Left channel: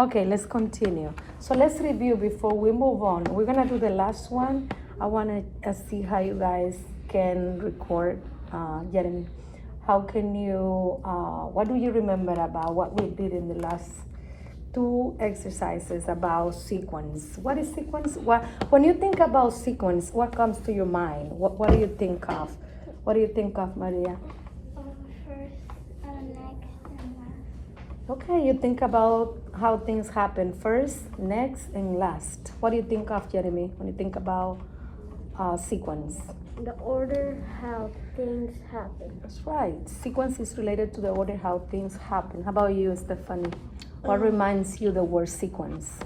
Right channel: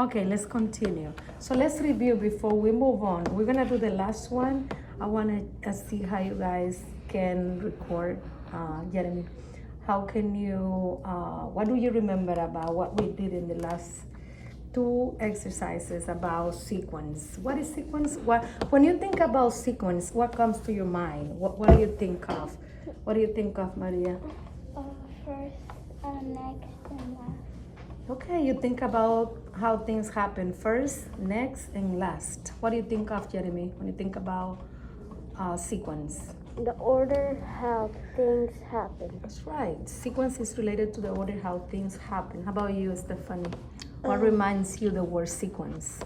Okay, let's continue. So let's review before we move on. We're gonna do the last one. I wanna see how you guys can record, Jeremy. How can you, what do you remember about what we did in the last two exercises about sequence? What is sequence? When you think about sequence, what comes to your mind? What do you think of? What do you think of, Maria? First, next, and last. Okay, you think about how things happen first, next, and last. What do you think of, Jeremy, when you think about sequence? The order how things happen. That's right. Sequence is related to the order how things happen. How about you, Stephanie? What reminds you the word sequence?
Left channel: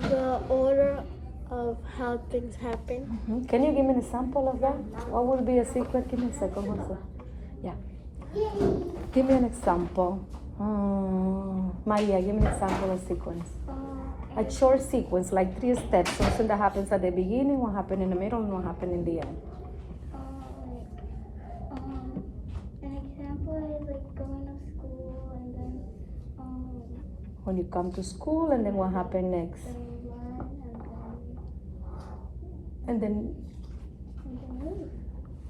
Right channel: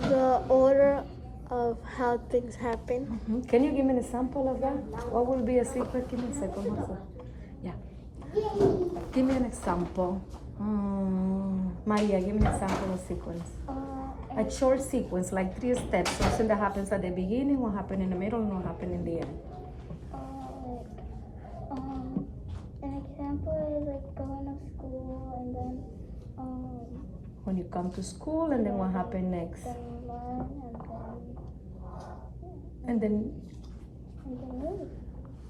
The order of how things happen. Mm-hmm. Can you give me an example of that? What would be a sequence? Give me a second, Jose. Yeah. Give me an example. Maria, give me an example of sequence. A short sequence, like 3 steps, something that happens at the beginning, what happened in the middle, and what happened in the end. An example is like going to school and then When you come to school, and then what happened next? learn And then leave.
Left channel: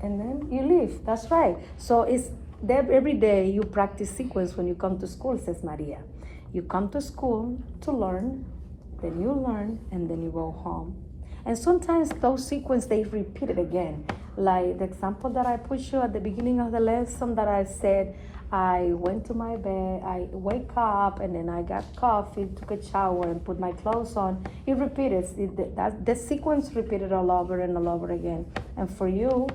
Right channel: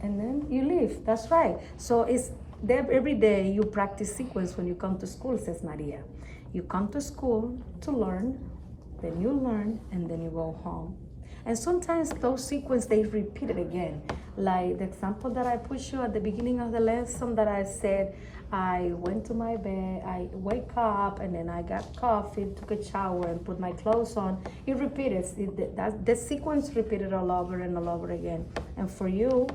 and then you leave. That's right. So it's every day you practice sequence when you come to school, says Maria. You come to school to learn, then you learn, and then you go home. And sometimes those sequences, they repeat it again. Like the example that I put you at the beginning of the lesson that I said, I went to my bed, I wake up, and then I got coffee, took a shower, and put my clothes on. It repeated. The sequence repeated all over and all over again. And for you,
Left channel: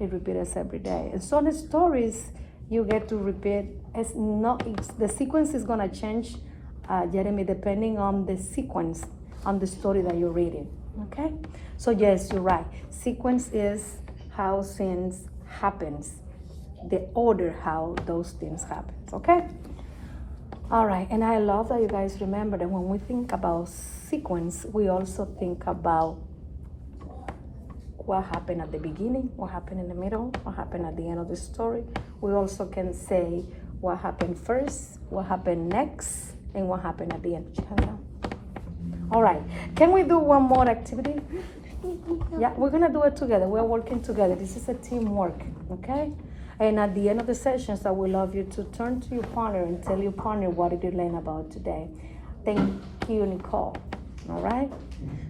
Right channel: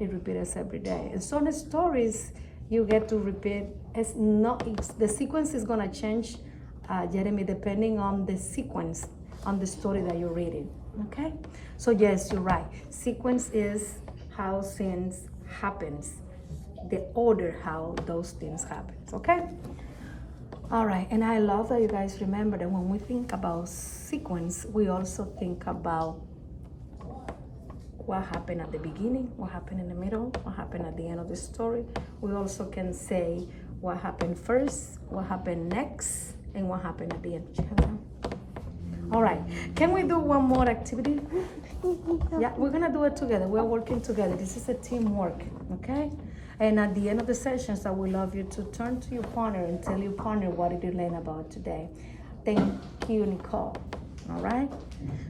it repeats every day. And some stories you get to repeat. The sequence is gonna change, Jeremy, depending on the sequence, on the story that you're reading. Okay? So yes, you're right. Sequence is how things happens, the order how those things happen. Okay? All right, and I love that you guys remember that when we think about sequence, we also think about what happened at the beginning, what happened in the middle, what happened at the end of the story. We also can say what happened first, what happened next, and what happened at the end. All right, can we do one more activity? Yeah, we're gonna do it together. We're working together. This is a teamwork, okay? And at the end of the sessions, I would love you to turn to your partner and tell your partner what did you learn about today. Thank you, Nicole. All right?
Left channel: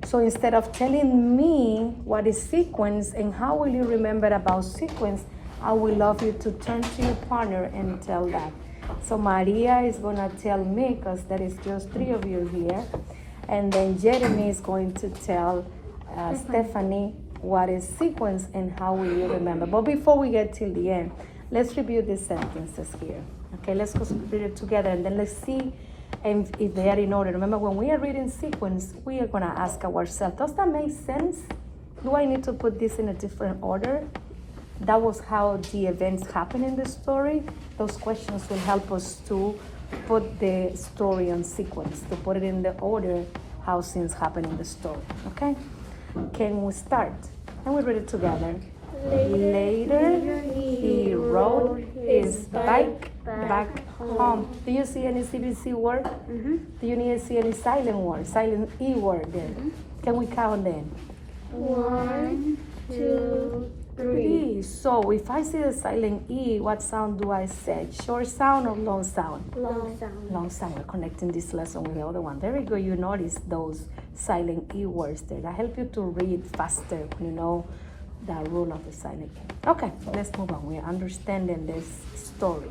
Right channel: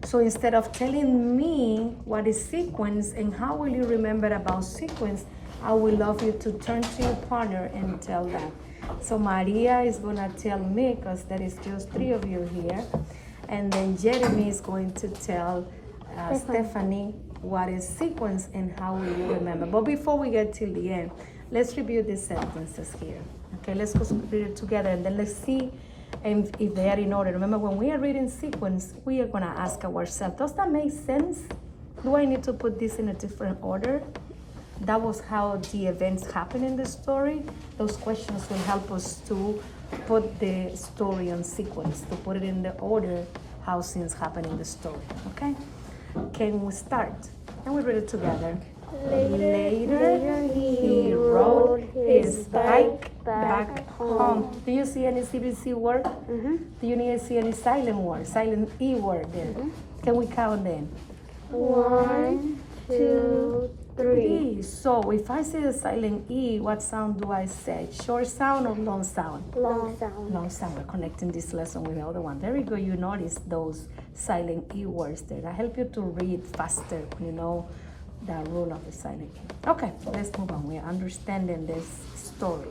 So instead of telling me what is sequence and how will you remember about sequence, I would love you to turn to your partner and tell that. So Maria is gonna tell me, because there is just 3 of you here, and then Jeremy is going to tell Stephanie what is sequence and how will you remember. But before we get till the end, let's review these sentences here. Okay, let's go read it together and then let's see if they are in order. Remember, when we are reading sequence, we are gonna ask ourselves, does that make sense? Do I need to put this in a different order? That was how the events happen in the story. Those questions will help us to put the story on sequence, to put it in the order how things happen in the story. Okay? Can we start? And we read it together. Later, he rode his bike back home. Do you see any CBC word? Mm-hmm. Do you see any silent word, silent E word there? Mm-hmm. Can we count then? 1, 2, 3. So if I see the silent E, what sound do I say? Short sound or long sound? Long sound. Long sound. We're connecting this lesson with the other one. There we go. You notice those silent E words there. That help you to read faster when you know the rule of the silent E. Okay, let's move on. We're understanding this story.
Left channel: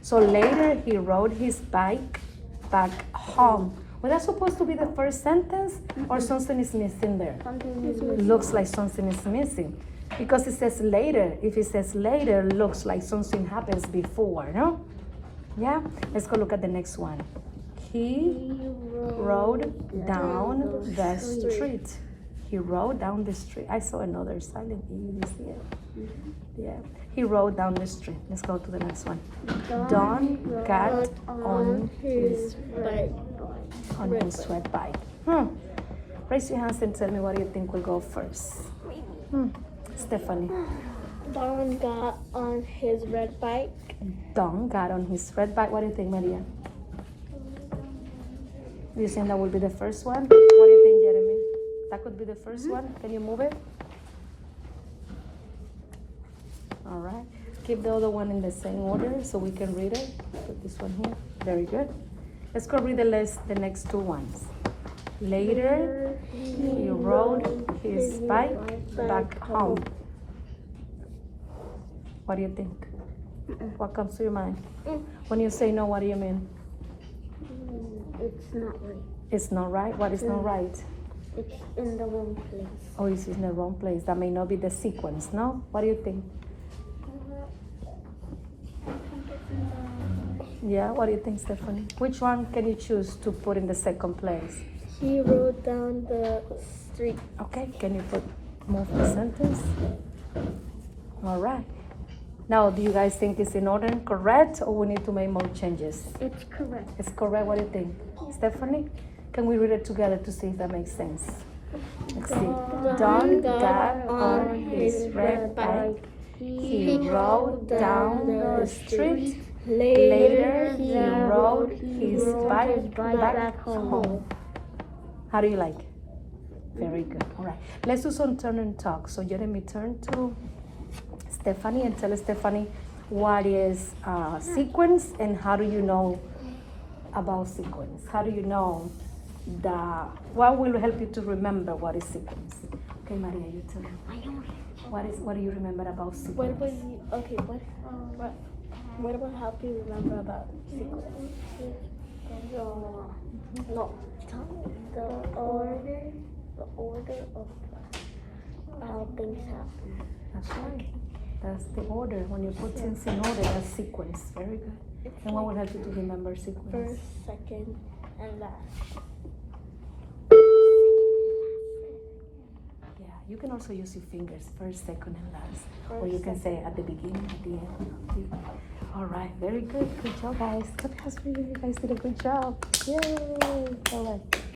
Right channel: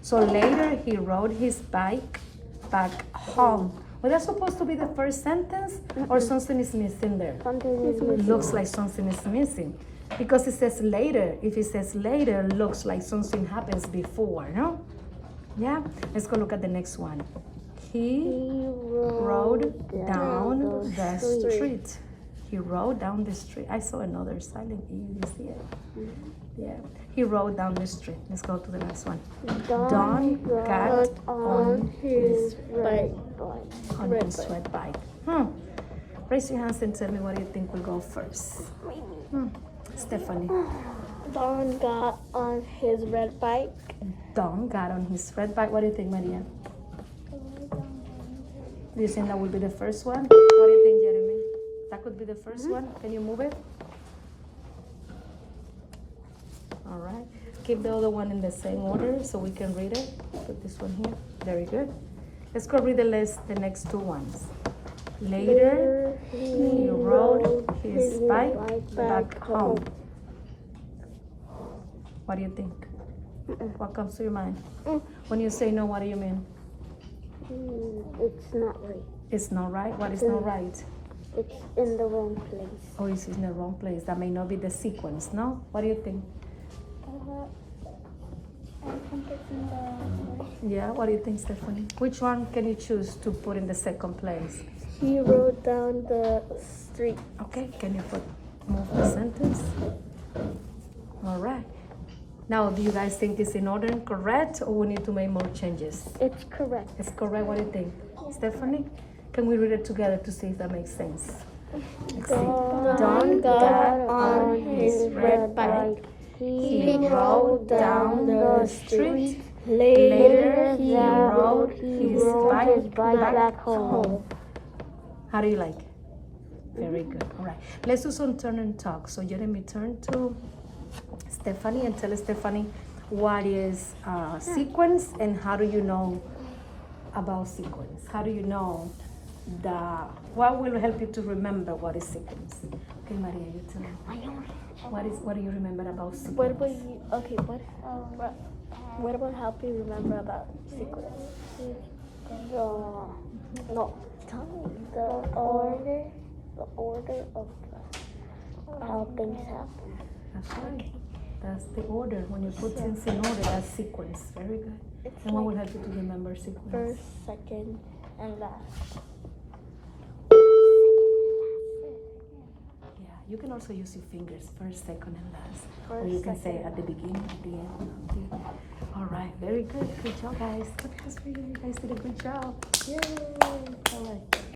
So later he rode his bike back home. Was that supposed to be the first sentence or something is missing there? Something is missing. Looks like something is missing. Because it says later. If it says later, looks like something happens before, no? Yeah? Let's go look at the next one. He rode down the street. He rode down the street. I saw another silent E. You see it? Yeah. He rode down the street. Let's go to the next one. Don got on his red bike. Raise your hands and tell me what you think will go first. Stephanie. Don got on his red bike. Don got on his red bike. What do you think, Maria? Do you think that will be the first one? What do you think, Jeremy? That could be the 1st one. Can you move it? All right. Keep the other one in the same order so we can read it. Put this one here. Very good. Let's go read the next two ones. Later, he rode his bike back home. What do you think? What comes to your mind? When you say no, what do you mean? It's not right. It's not right? What is not right? It's in the wrong place. Oh, it's in the wrong place. That may not be the sequence, no? What do you think? I think it's in the... Yeah, what do you think, Stephanie? Which one can you choose to put in the second place? He rode down the street. Okay, can you move the sentence? All right. Now, do you guys think it's in order and correct, or we need to make more changes? It's correct. It's correct. What do you think? Stephanie, can we read it together to see if that makes sense? Let's see. Don got on his red bike. He rode down the street. Later, he rode his bike back home. How do you like? Very good. All right. Let's do some turn and talk. So Jeremy, turn to Stephanie and tell Stephanie what is sequence and how do you know about sequence? How do you know what will help you to remember what is sequence? Okay, Maria, you tell me. What do you remember about sequence? What about help you remember about sequence? The order of how things happen. That's right. That's the order. When you put things in order, that's sequence. Very good. And what will help you to remember sequence? First, second, and last. Yeah, you can also use your fingers, first, second, and last. Or you can say at the beginning, at the end. All right, very good. Good job, guys. Good job, you guys did a good job. Yay! All right.